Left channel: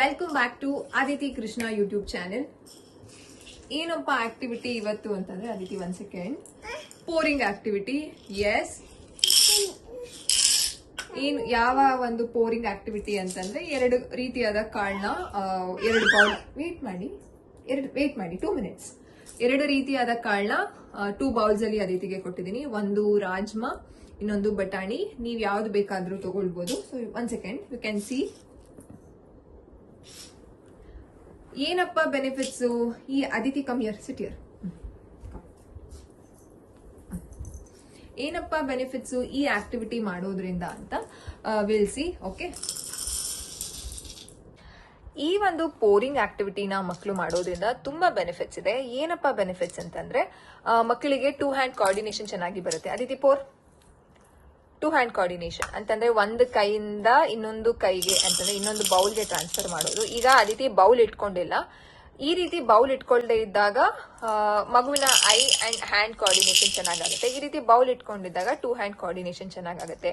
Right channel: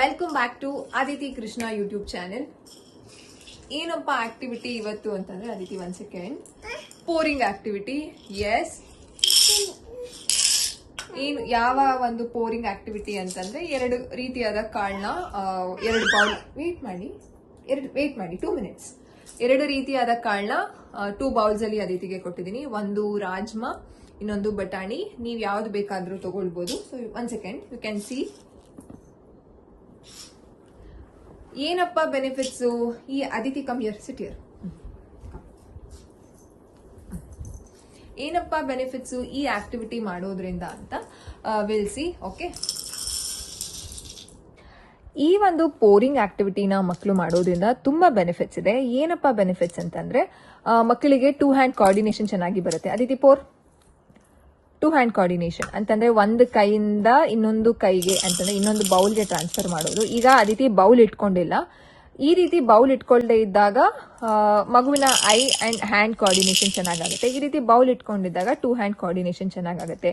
Welcome back to Aditi Krishna YouTube channel. ಏನಪ್ಪ activity ಇವತ್ತು ಅಂತಂದ್ರೆ Aditi, 1 second. Pouring activity. Yes, ಏನು ಯಾವ ಒಂದು ಪೋರಿಂಗ್ ಆಕ್ಟಿವಿಟಿ ಅಂತಂದ್ರೆ 2 ರೀತಿಯಾದ ಕಾಳನ್ನ 2 ಬೌಲ್ ವೇಟ್ ಮಾಡಿ 2 ಮಿನಿಟ್ಸ್. 2 ರೀತಿಯಾದ ಕಾಳನ್ನ 2 ಬೌಲ್ಸ್ ಅಲ್ಲಿ ಅದಿತಿಗೆ ಕೊಟ್ಟಿದ್ದೀನಿ. ಒಂದು ರಾಜ್ಮಾ, ಇನ್ನೊಂದು ಬಟಾಣಿ. ನೀವು ಯಾವ್ದು ಬೇಕಾದ್ರೂ ತಗೊಳ್ಬಹುದು. 1 ಸೆಕೆಂಡ್, ಯು ಕ್ಯಾನ್ ಸಿ ಏನಪ್ಪ ಬೆನಿಫಿಟ್ಸು ಈ ಅದಿತಿ ಸಿಕ್ಕಿಯರ್. ಏನಪ್ಪ ಬೆನಿಫಿಟ್ಸು ಈ ಆಕ್ಟಿವಿಟಿ ಮಾಡೋದ್ರಿಂದ ಅಂತ ವಿಲ್ಸಿ. ಓಕೆ, ಈ ಒಂದು ಪೋರಿಂಗ್ ಆಕ್ಟಿವಿಟಿನ ಮಕ್ಕಳು ಮಾಡೋದ್ರಿಂದ ತುಂಬಾ ಬೆನಿಫಿಟ್ಸ್ ಇದೆ. ಏನಪ್ಪ ಬೆನಿಫಿಟ್ಸ್ ಅಂತಂದ್ರೆ ಮಕ್ಕಳಿಗೆ 2 ಹ್ಯಾಂಡ್ ಕೋಆರ್ಡಿನೇಷನ್ ಚೆನ್ನಾಗಿ ಬರುತ್ತೆ. ಅದಿತಿ ಪೋರ್ 2 ಹ್ಯಾಂಡ್ ಕೋಆರ್ಡಿನೇಷನ್ ಅಂತಂದ್ರೆ ಒಂದು ಕೈಯಿಂದ ಇನ್ನೊಂದು ಕೈಗೆ ಅಂತಂದ್ರೆ ಇನ್ನೊಂದು ಬೌಲ್ಗೆ ಟ್ರಾನ್ಸ್ಫರ್ ಮಾಡೋದು. ಈಗ ಅದಿತಿ ಬೌಲ್ ಇಟ್ಕೊಂಡಿಲ್ಲ. ಈ ರೀತಿ ಬೌಲ್ ಇಟ್ಕೊಳ್ಳದೆ ಇದ್ದಾಗ ಮಗುವಿನ ಐ ಅಂಡ್ ಹ್ಯಾಂಡ್ ಕೋಆರ್ಡಿನೇಷನ್ ಚೆನ್ನಾಗಾಗುತ್ತೆ. ಈ ರೀತಿ ಬೌಲ್ ಇಟ್ಕೊಂಡಿದ್ದಾಗ 2 ಹ್ಯಾಂಡ್ ಕೋಆರ್ಡಿನೇಷನ್ ಚೆನ್ನಾಗಾಗುತ್ತೆ.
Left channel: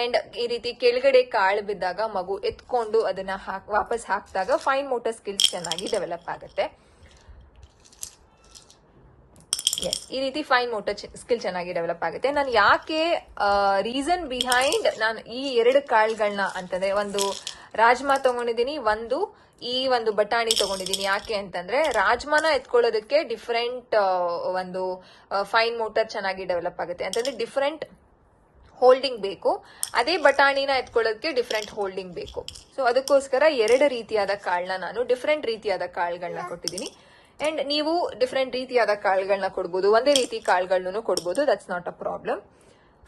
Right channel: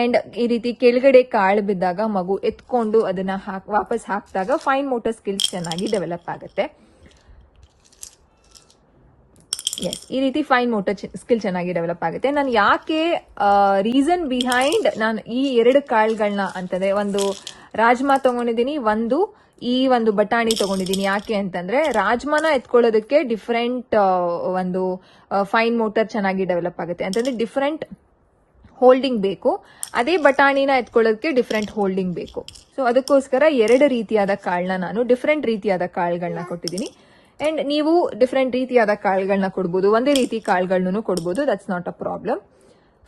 ಅಂಡ್ ಈ ರೀತಿ ಕೆಳಗಡೆ ಕಾಳು ಬಿದ್ದಾಗ ಮಗು ಎತ್ಕೊಂಡು ಅದನ್ನ ವಾಪಸ್ ಹಾಕಿದಾಗ ಫೈನ್ ಮೋಟರ್ ಸ್ಕಿಲ್ಸ್ ಚೆನ್ನಾಗಿ ಡೆವಲಪ್ ಆಗುತ್ತೆ. ಈ ರೀತಿ ಫೈನ್ ಮೋಟರ್ ಸ್ಕಿಲ್ ಚೆನ್ನಾಗಿ ಡೆವಲಪ್ ಆಗುತ್ತೆ. ನಾನು ಯಾಕೆ ರೀಸನ್ ಬಿಹೈಂಡ್ ನಾನು ಈ 2 ಕಾಳುಗಳನ್ನ ಅಂತಂದ್ರೆ ಒಂದು ರಾಜ್ಮಾ ತಗೊಂಡಿದ್ದೀನಿ, ಈ ಒಂದು ಬಟಾಣಿ ತಗೊಂಡಿದ್ದೀನಿ. ಯಾಕೆ ಅಂತಂದ್ರೆ ರಾಜ್ಮಾನ ಎತ್ಕೊಳ್ಳೋದಕ್ಕೆ ಡಿಫ್ರೆಂಟ್ ಒಂದು ಫೈನ್ ಮೋಟರ್ ಚೆನ್ನಾಗಿ ಡೆವಲಪ್ ಆಗುತ್ತೆ. ಅಂತಂದ್ರೆ ಡಿಫ್ರೆಂಟ್ ಹೋಲ್ಡಿಂಗ್ ಬೇಕು. ಅದೇ ಬಟಾಣಿನ ಎತ್ಕೊಳ್ಳೋದಕ್ಕೆ ಡಿಫ್ರೆಂಟ್ ಹೋಲ್ಡಿಂಗ್ ಬೇಕು. ಸೊ ಅದಕ್ಕೋಸ್ಕರ 2 ರೀತಿಯಾದ ಕಾಳನ್ನ ನಾನು ಡಿಫ್ರೆಂಟ್ ರೀತಿಯಾದ ಕಾಳುಗಳನ್ನ ಕೊಟ್ಟಿದ್ದೀನಿ. ಅಂಡ್ ನೀವು ಡಿಫ್ರೆಂಟ್ ರೀತಿಯಾದ ಕಾಳುಗಳನ್ನ ಕೊಡ್ಬೋದು, ಒಂದೇ ರೀತಿ ಕಾಳುಗಳನ್ನು ಕೊಡ್ಬೋದು. That's not a problem.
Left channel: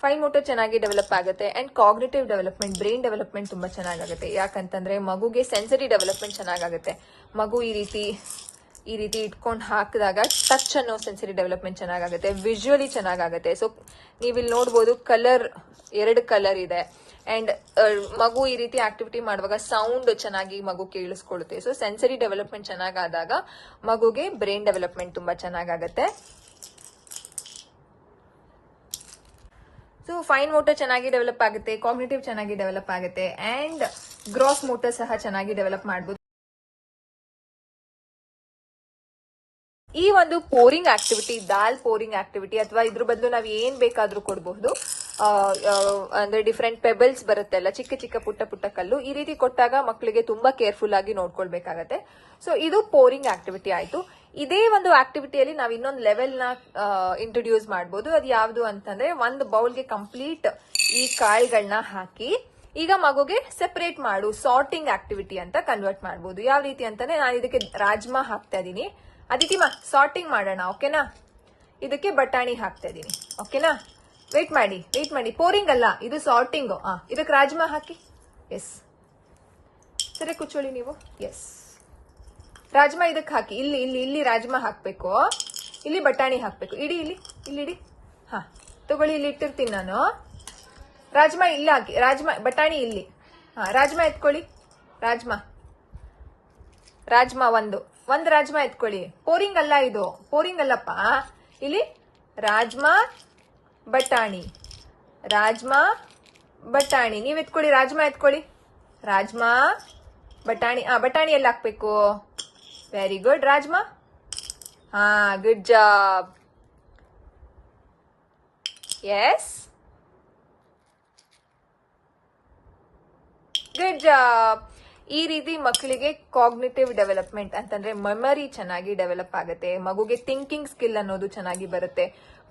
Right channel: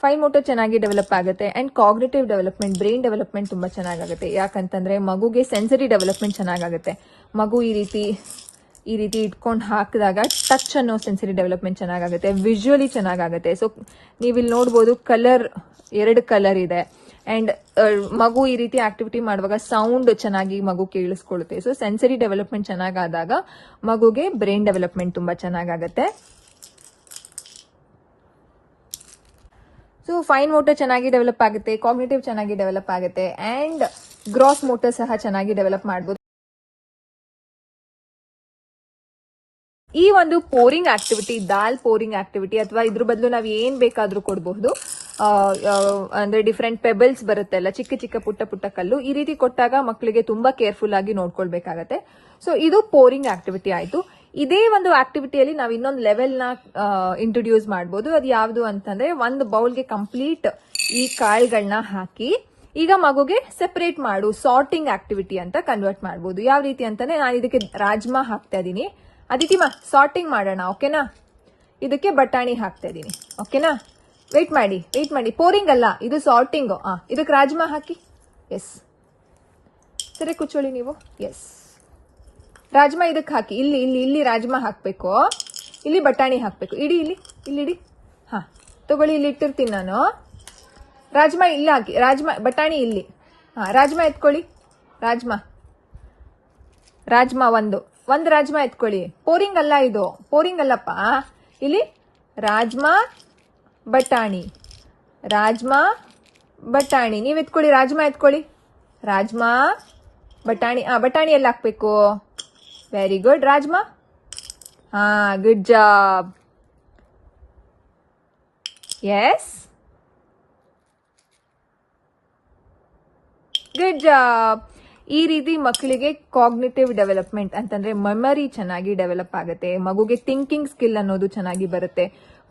Fine motor ಚೆನ್ನಾಗಿ ಡೆವಲಪ್ ಆಗುತ್ತೆ. And cognitive development, brain development ತುಂಬಾ ಚೆನ್ನಾಗಾಗುತ್ತೆ. ಯಾಕಂತಂದ್ರೆ ಮಗುಗೆ ಸೆನ್ಸರಿ ಡೆವಲಪ್ಮೆಂಟ್ ಚೆನ್ನಾಗಾಗುತ್ತೆ. ಮಗು ಈ ರೀತಿ ಇಟ್ಕೊಂಡು ಹಾಕಿದಾಗ ಟಚ್ ಅನ್ನೋ ಸೆನ್ಸರಿ ಡೆವಲಪ್ಮೆಂಟ್ ಚೆನ್ನಾಗಾಗುತ್ತೆ. ವಿಜುವಲಿ ಚೆನ್ನಾಗಾಗುತ್ತೆ. ಸೊ ನೀವಿಲ್ಲಿ ನೋಡ್ಬೋದು ಕಲರ್ 2 ಕಲರ್ ಇದೆ. ಅಂಡ್ ಮಗು ಈ ರೀತಿ ಆಕ್ಟಿವಿಟಿ ಮಾಡುವಾಗ ಸೌಂಡ್ ಚೆನ್ನಾಗಿ ಮಗು ಕೇಳಿಸ್ಕೊಳ್ಳುತ್ತೆ. ಸೊ ಸೆನ್ಸರಿ ಡೆವಲಪ್ಮೆಂಟ್ ಚೆನ್ನಾಗಾದಾಗ ಮಗುಗೆ ಬ್ರೈನ್ ಡೆವಲಪ್ಮೆಂಟ್ ತುಂಬಾ ಚೆನ್ನಾಗಾಗುತ್ತೆ. ಸೊ ಫೈನ್ ಮೋಟರ್ ಚೆನ್ನಾಗಿ ಡೆವಲಪ್ ಆಗುತ್ತೆ, ಕಾಗ್ನಿಟಿವ್ ಚೆನ್ನಾಗಿ ಡೆವಲಪ್ ಆಗುತ್ತೆ, ಅಂಡ್ ಗ್ರಾಸ್ ಮೋಟರ್ ಸಹ ಚೆನ್ನಾಗಿ ಡೆವಲಪ್ ಮಾಡಬಹುದು. ಈ ಒಂದು ಪೋರಿಂಗ್ ಆಕ್ಟಿವಿಟಿ, ದಾಲ್ ಪೋರಿಂಗ್ ಆಕ್ಟಿವಿಟಿ ಅಥವಾ ಇದ್ರ ಬದಲು ನಾವು ಏನ್ ಬೇಕಾದ್ರೂ ಕೊಡಬಹುದು. ಅಂದ್ರೆ ಡಿಫ್ರೆಂಟ್ ಪೆಬಲ್ಸ್ ಬರುತ್ತಲ್ಲ, ಚಿಕ್ಕ ಚಿಕ್ಕ ಪುಟ್ಟ ಕಲ್ಲು, ಈ ರೀತಿ ಕೊಟ್ಟಾಗ ಮಕ್ಕಳಿಗೆ ತುಂಬಾ ಕೇರ್ಫುಲ್ ಆಗಿ ನೋಡ್ಕೊಳ್ಬೇಕಾಗತ್ತೆ. ಸೊ ಇದು ಪೋರಿಂಗ್ ಆಕ್ಟಿವಿಟಿ ಆಯ್ತು. ಇದೇ ಒಂದು ಆಕ್ಟಿವಿಟಿಯಲ್ಲಿ ನಾವು ಇನ್ನೊಂದು ಲೆವೆಲ್ ನ ಇಂಟ್ರೊಡ್ಯೂಸ್ ಮಾಡಬಹುದು. ಅದು ಯಾವುದು ಅಂತಂದ್ರೆ ಒಂದು ಬೌಲ್ಗೆ ಕಂಪ್ಲೀಟ್ ಈ ಕಾಳುಗಳನ್ನ ಹಾಕಿ ಈಗ ಮಗುಗೆ ಸೆಪರೇಟ್ ಮಾಡು, ಸಾರ್ಟಿಂಗ್ ಆಕ್ಟಿವಿಟಿ ಅಂತ ಕನ್ವರ್ಟ್ ಮಾಡಬಹುದು. ಯಾವ ರೀತಿ ಅಂತಾನೆ ನಾನು ಇದಕ್ಕೆ ರಾಜ್ಮಾ ಹಾಕ್ತಾ ಇದೀನಿ. ಅದಕ್ಕೆ ಸಾರ್ಟಿಂಗ್ ಮಾಡೋಣ, ಓಕೆನಾ? ಇದಕ್ಕೆ ಬಟಾಣಿ ಹಾಕ್ತಾ ಇದೀನಿ, ಓಕೆನಾ? ವೇಟ್ ಮಾಡಿ. ಪೋರಿಂಗ್ ಅಲ್ಲ, ಇದು ಸಾರ್ಟಿಂಗ್. ಇದಕ್ಕೆ ರಾಜ್ಮಾ ಹಾಕಿ. ಎಸ್, ಸರಿ ಕೂತ್ಕೊಳ್ಳಿ ನೀವು. ಎಸ್, ರಾಜ್ಮಾ ಇದಕ್ಕೆ ಹಾಕಿ. ಇಲ್ಲಿ ರಾಜ್ಮಾ ಹಾಕ್ಬೇಕು, ಇಲ್ಲಿ ಬಟಾಣಿ ಹಾಕ್ಬೇಕು. ಇಲ್ಲಿ ತಗೊಳ್ಳಿ, ಇಲ್ಲಿ ಇಟ್ಟಿರ್ತೀನಿ ನಾನು. ರಾಜ್ಮಾ ಇಲ್ಲಿ ಹಾಕಿ, ಬಟಾಣಿ ಇಲ್ಲಿ. ರಾಜ್ಮಾ ಎತ್ಕೊಳ್ಳಿ. ರಾಜ್ಮಾ ಒಂದು ರಾಜ್ಮಾ ಎತ್ಕೊಳ್ಳಿ. ಪೋರಿಂಗ್ ಅಲ್ಲ, ಇದು ಪೋರಿಂಗ್ ಅಲ್ಲಪ್ಪ. ಇಲ್ಲಿ ರಾಜ್ಮಾ ಬಟಾಣಿ ನೀವ್ ಎತ್ಕೊಳ್ಳಿ. ರಾಜ್ಮಾ ಎತ್ಕೊಳ್ಳಿ. ರಾಜ್ಮಾ ಬಟಾಣಿ ಬಟಾಣಿ ಎಲ್ಲ ಹಾಕ್ಬೇಕು. Very good. Rajma, good job. Yes, good job. ಈ ರೀತಿ ಮಕ್ಕಳಿಗೆ ಕಾಗ್ನಿಟಿವ್ ಡೆವಲಪ್ಮೆಂಟ್ ಅಂತಂದ್ರೆ ಮೆಮರಿ ಚೆನ್ನಾಗಿ ಡೆವಲಪ್ ಆಗುತ್ತೆ. ಮಗುಗೆ ಥಿಂಕಿಂಗ್ ಸ್ಕಿಲ್ ಅನ್ನೋದು ಚೆನ್ನಾಗಿ ಬರುತ್ತೆ.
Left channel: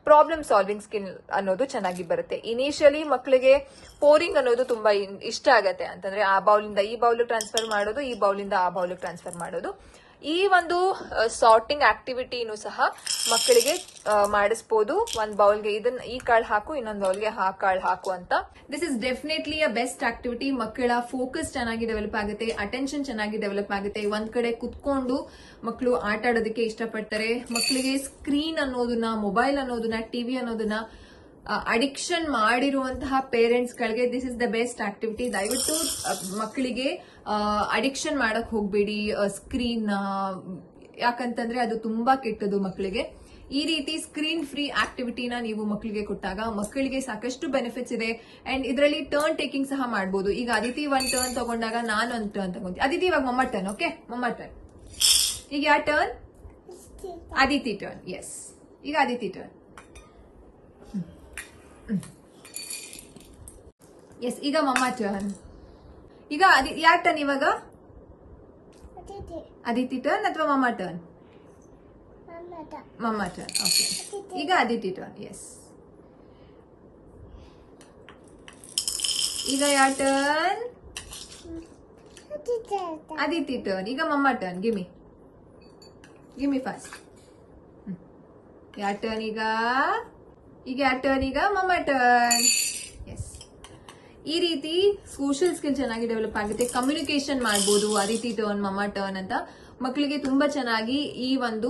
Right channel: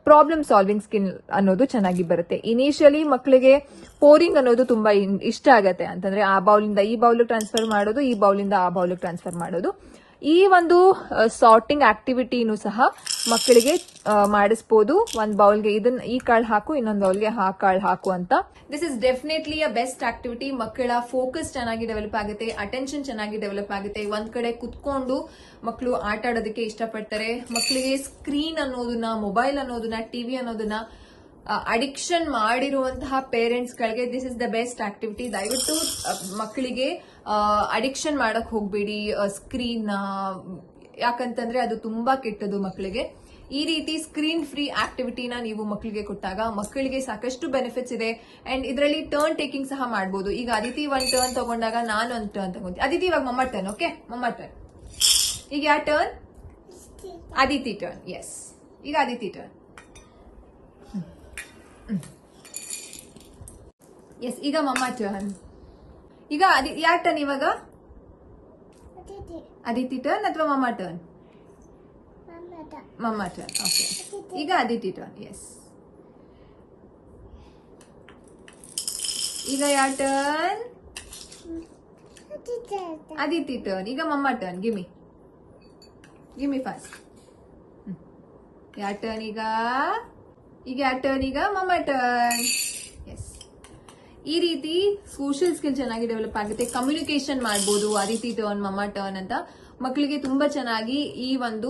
ಪ್ರಾಬ್ಲಮ್ ಸಾಲ್ವಿಂಗ್ ಸ್ಕಿಲ್ ಅನ್ನೋದು ಚೆನ್ನಾಗಿ ಬರುತ್ತೆ. ಇನಿಷಿಯಲಿ ಮಕ್ಕಳಿಗೆ ಪೋರಿಂಗ್ ಅನ್ನೋದು ತುಂಬಾ ಇಷ್ಟ ಆಗತ್ತೆ. ಅಂತಂದ್ರೆ ಆ ಬೌಲಿಂದ ಈ ಬೌಲ್ ಟ್ರಾನ್ಸ್ಫರ್ ಮಾಡೋದು, ಈ ಬೌಲಿಂದ ಆ ಬೌಲ್ ಟ್ರಾನ್ಸ್ಫರ್ ಮಾಡೋದು. ಈ ಒಂದು ಸಾರ್ಟಿಂಗ್ ಆಕ್ಟಿವಿಟಿನೂ ಸಹ ಮಕ್ಕಳಿಗೆ ಮಾಡಿಸಬಹುದು. ಒಂದು ಬೌಲ್ಗೆ ಈ ಕಾಳು ಹಾಕು, ಇನ್ನೊಂದು ಬೌಲ್ಗೆ ಆ ಕಾಳು ಹಾಕು ಅಂತ. This is definitely a best activity. ಮಕ್ಕಳ ಫೋಕಸ್ ಚೆನ್ನಾಗಿ ಡೆವಲಪ್ ಆಗುತ್ತೆ, ಅಟೆನ್ಷನ್ ಚೆನ್ನಾಗಿ ಡೆವಲಪ್ ಆಗುತ್ತೆ. ಒಂದ್ ಕಡೆ ಕುತ್ಕೊಂಡು ಮಕ್ಕಳು ಆಟ ಆಡೋದಕ್ಕೆ ಇಷ್ಟಪಡ್ತಾರೆ. ಮಕ್ಕಳಿಗೆ ಸ್ಕ್ರೀನ್ ಅನ್ನೋದನ್ನ, ಮೊಬೈಲ್ ಅನ್ನೋದನ್ನ, ಟಿವಿ ಅನ್ನೋದನ್ನ ಅಡಿಕ್ಷನ್ ಮಾಡಿರುವಂತಹ ಪೇರೆಂಟ್ಸ್ ಗಳಿಗೆ this is the best activity. ದಯವಿಟ್ಟು ಮಕ್ಕಳಿಗೆ ಅಡಿಕ್ಷನ್ ಮಾಡಕ್ ಹೋಗ್ಬೇಡಿ ಸ್ಕ್ರೀನ್. ಯಾಕಂತಂದ್ರೆ ಅದು ತುಂಬಾ ಕೆಟ್ಟದು ಮಕ್ಕಳಿಗೆ. ಈ ರೀತಿ ಸ್ಕ್ರೀನ್ ಫ್ರೀ ಆಕ್ಟಿವಿಟಿನ ನೀವು ಮಕ್ಕಳಿಗೆ ಕೊಟ್ಟಾಗ ಮಕ್ಕಳಿಗೆ ಸಾಕಷ್ಟು ಬೆನಿಫಿಟ್ಸ್ ಇದೆ. ಅಂಡ್ ಇದರಲ್ಲಿ ಟರ್ನ್ ಟೇಕಿಂಗ್ ಸಹ ಮಾಡಬಹುದು. ಈಗ ಅದಿತಿ ಒಂದ್ ಟರ್ನ್ ತಗೊಂಡಾಗ ನಾನು ಒಂದು ಟರ್ನ್ ತಗೊಂತೀನಿ. ಅದಿತಿ ಇವಾಗ ಮಮ್ಮ ಟರ್ನ್. ಓಕೆ, ಮಮ್ಮ ಟರ್ನ್. ಈಗ ಯಾವ ಟರ್ನ್? ಅದಿತಿ ಟರ್ನ್. ಎಸ್, ಈಗ ಅದಿತಿ ಟರ್ನ್. ಎಸ್, ಈಗ ಮಮ್ಮ ಟರ್ನ್. ಈಗ ಯಾರ ಟರ್ನ್ ಇವಾಗ? ಅದಿತಿ ಟರ್ನ್ ಅಥವಾ ಮಮ್ಮ ಟರ್ನ್? ಮಮ್ಮ ಟರ್ನ್. ಓಕೆ, ಈಗ ಅದಿತಿ ಟರ್ನ್. ಎಸ್, ಈಗ ಯಾರ ಟರ್ನ್? ಅದಿತಿ ಟರ್ನ್. ಈಗ ಮಮ್ಮ ಟರ್ನ್. ಗಿಮಿ ಫಾಸ್ಟ್. ಯಾರ ಟರ್ನ್ ಈಗ? ಯಾರ ಟರ್ನ್ ಈಗ? ಮಮ್ಮ ಟರ್ನ್. ಎಸ್, ಈ ರೀತಿ ಸೋಷಿಯಲ್ ಸ್ಕಿಲ್ ಚೆನ್ನಾಗಿ ಡೆವಲಪ್ ಆಗುತ್ತೆ. ಕಮ್ಯುನಿಕೇಶನ್ ಮಾಡ್ಬೋದು ಅದಿತಿ ಟರ್ನ್, ಮಮ್ಮ ಟರ್ನ್ ಅಂತ. ಮಕ್ಕಳಿಗೆ ತುಂಬಾ ಚೆನ್ನಾಗಿ ಈ ಒಂದು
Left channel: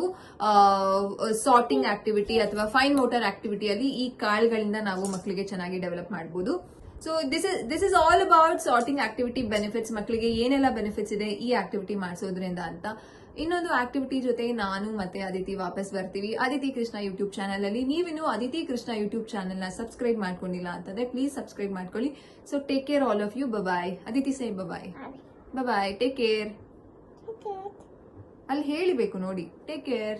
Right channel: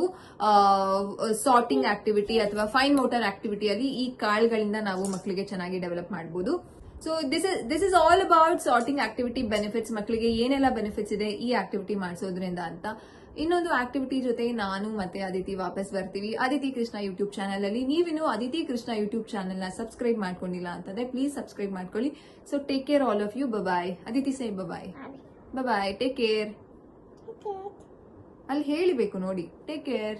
ಸಾರ್ಟಿಂಗ್ ಆಕ್ಟಿವಿಟಿ ಅಥವಾ ಫೈನ್ ಮೋಟರ್ ಆಕ್ಟಿವಿಟಿಯಲ್ಲಿ ಈ ಕಾಳುಗಳಿಂದ ನಾವು ಮಕ್ಕಳಿಗೆ ಚೆನ್ನಾಗಿ ಡೆವಲಪ್ ಮಾಡಬಹುದು. So this is all about sorting activity benefits. ಮಕ್ಕಳಿಗೆ ಏನೆಲ್ಲ ಬೆನಿಫಿಟ್ಸ್ ಇದೆ ಈ ಆಕ್ಟಿವಿಟಿ ಮಾಡಿಸೋದ್ರಿಂದ ಅಂತ. ಇನ್ನೊಂದು ಆಕ್ಟಿವಿಟಿ ಜೊತೆ ನಾನು ಮತ್ತೆ ಅದಿತಿ ವಾಪಸ್ ಬರ್ತೀವಿ ಅದಿತಿ ಕೃಷ್ಣ ಯೂಟ್ಯೂಬ್ ಚಾನಲ್ ಅಲ್ಲಿ. ನೀವಿನ್ನು ಅದಿತಿ ಕೃಷ್ಣ ಯೂಟ್ಯೂಬ್ ಚಾನಲ್ ನ ಸಬ್ಸ್ಕ್ರೈಬ್ ಮಾಡ್ಕೊಂಡಿಲ್ಲ ಅಂತಂದ್ರೆ ಪ್ಲೀಸ್ ಸಬ್ಸ್ಕ್ರೈಬ್ ಮಾಡ್ಕೊಳ್ಳಿ. So take care all of you. Bye. Aditi say bye. Bye, take care. ಅಲ್ಲಿ ಹೇಳಿಬೇಕು ನೋಡಿ. Take care.